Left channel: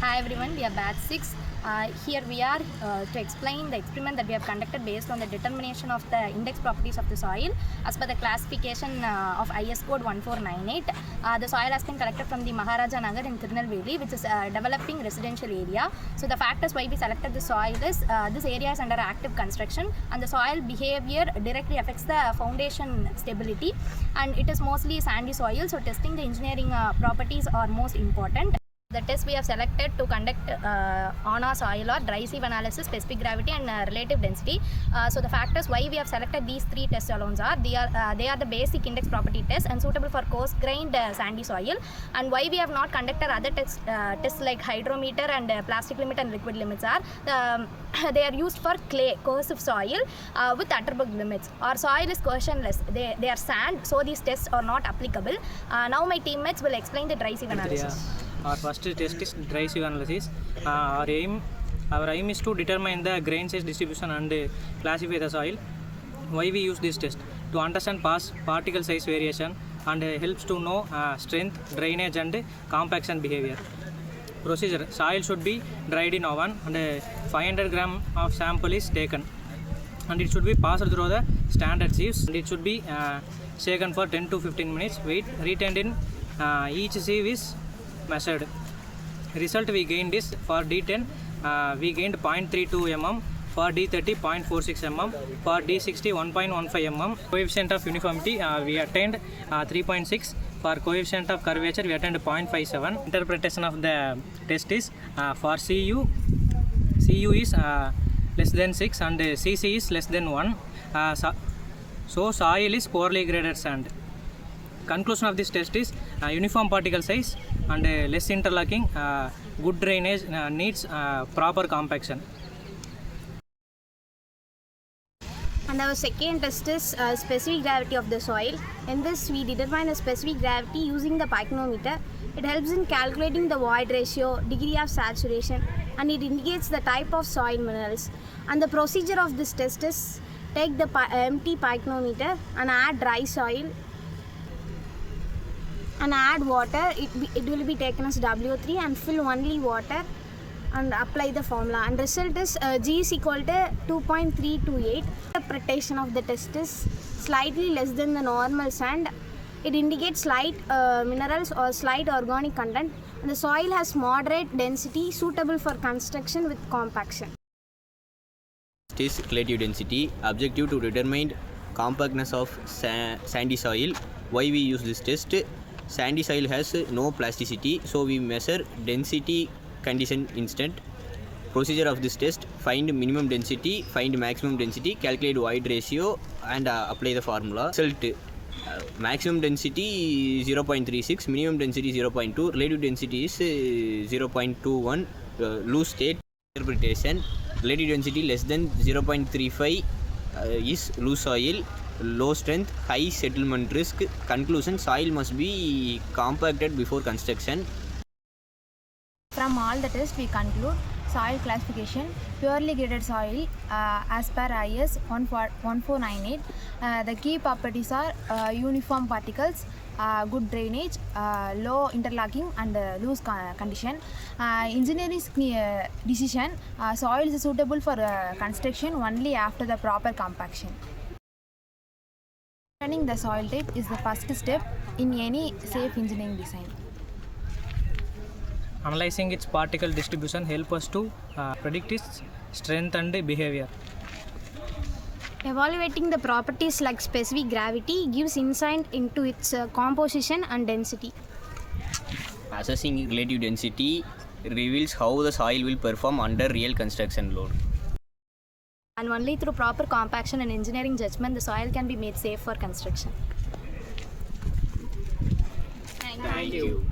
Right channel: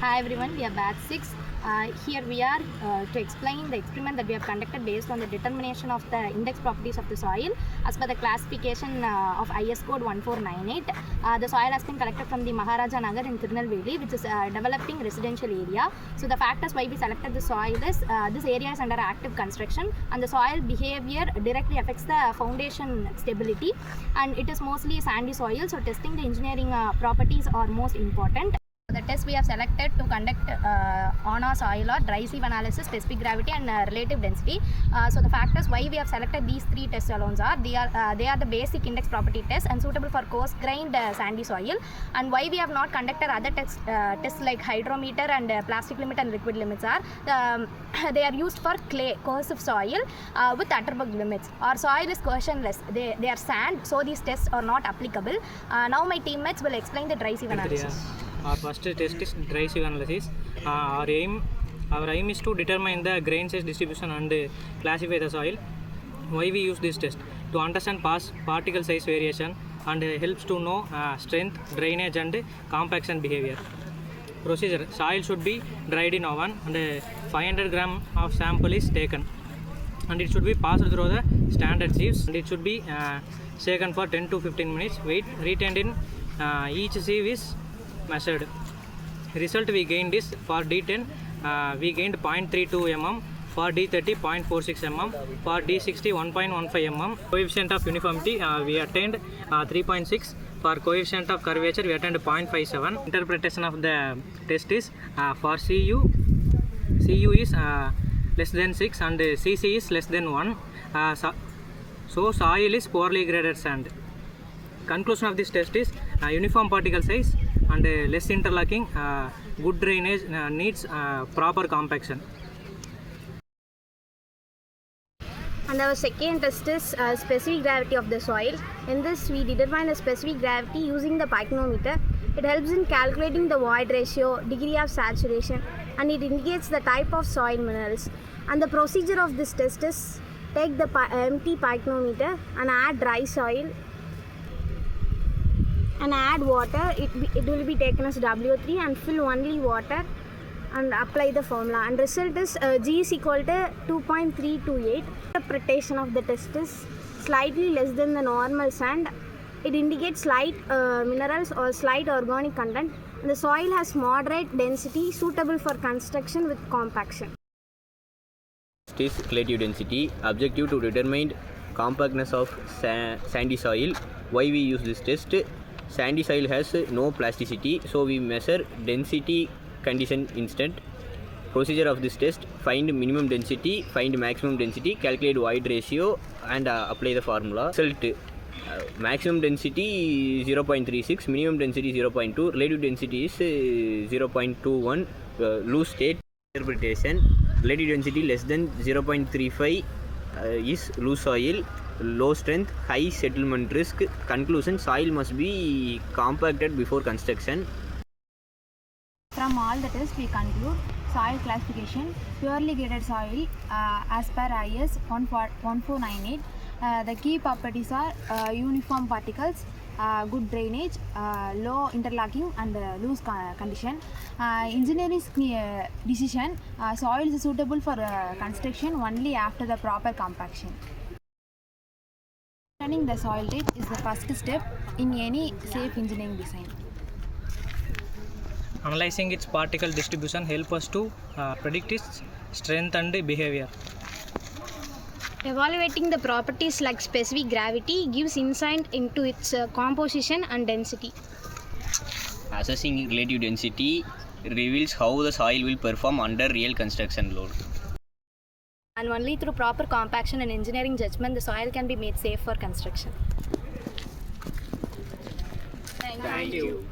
Hi everyone, we are batch 6. Here we are to explain the experiment that we have conducted based on the determination of the index properties of the soil as per the classification of IS code 1498. The soil has been collected from the Maharaja Nagar in Tirunelveli, which is a developing residential area. So the factors why we selected the soil is this area is under active construction and the soil behavior directly affects the foundation stability, and it is mostly sandy soil, so testing the engineering properties are most important. The test we have selected to conduct on our soil are dry sieve analysis, specific gravity and relative density. So the factors why we have selected these three tests alone are they are the basic index property tests and suitable for coarse grained sandy soil. And why we have not conducted other tests like hydrometer and plastic limit and liquid limits are they are used for clay coercive soil with Atterberg limits. Our soil is coercionless, they are sand, so these tests are not applicable. Now my teammates will explain the dry sieve analysis. Our first test is dry sieve analysis. Our aim is to determine the grain size distribution and classify the soil. Why we use this test? To understand past particle size variation and helps to know strength, drainage and compaction behavior. Procedure: soil should be dried in oven and 500 gram of sample is taken, and it should be passed through the standard sieves, and it should be shaken for 10 to 15 minutes. Weight retained in each sieve is measured. Result we gained is for D10 we gained 0.32 mm, for D30 0.46 mm, for D60 1.15 mm. Coefficient of uniformity we attained 3.6. For coefficient of curvature we attained 0.57. Interpretation of the test is for CU is less than 6 and CC is less than 1. So soil is poorly graded sand. Conclusion of this test is uniform particle size and less interlocking, good drainage, needs proper compaction. And our second test is specific gravity of the soil. In this, we determine the specific gravity using the pycnometer. It helps in calculating the void ratio, degree of saturation, and it indicates the type of soil minerals. And the procedure of this test is take the empty pycnometer and add dry soil and add water. It will be taken as W3 and fill only water and apply the formula, and result is G is equal to 2.328. Interpretation of the test is slightly less than the normal sand. It indicates slight minerals or slight organic content, and the soil has moderate density suitable for construction with compaction. Test is relative density. Objective to determine compactness of sandy soil. Why we use this test? Sandy soil has no plasticity, so we measure density condition instant. Procedure of this test: find minimum density, find maximum density, calculate void ratio and apply the formula. Result: maximum density 0.36, minimum density 0.2, relative density is 0.21. Loose state. Interpretation: relative density less than 0.35 is loose soil, low strength, high settlement risk. Conclusion: soil must be compacted before construction. From all the tests we conclude soil classification: purely graded soil as per IS 1498. The key properties are uniform particles, good drainage, low interlocking and loose condition. Engineering decision: soil is suitable for construction only after the proper compaction. Understanding the soil type is the first step in any safe engineering design. Analyzing its particle distribution help us to predict its strength and behavior. Evaluating the properties like specific gravity gives insight into its composition and density. Assessing relative density reveals how the soil will perform under real construction load. And only through proper compaction and engineering judgment the soil can be made safe for construction. Thank you.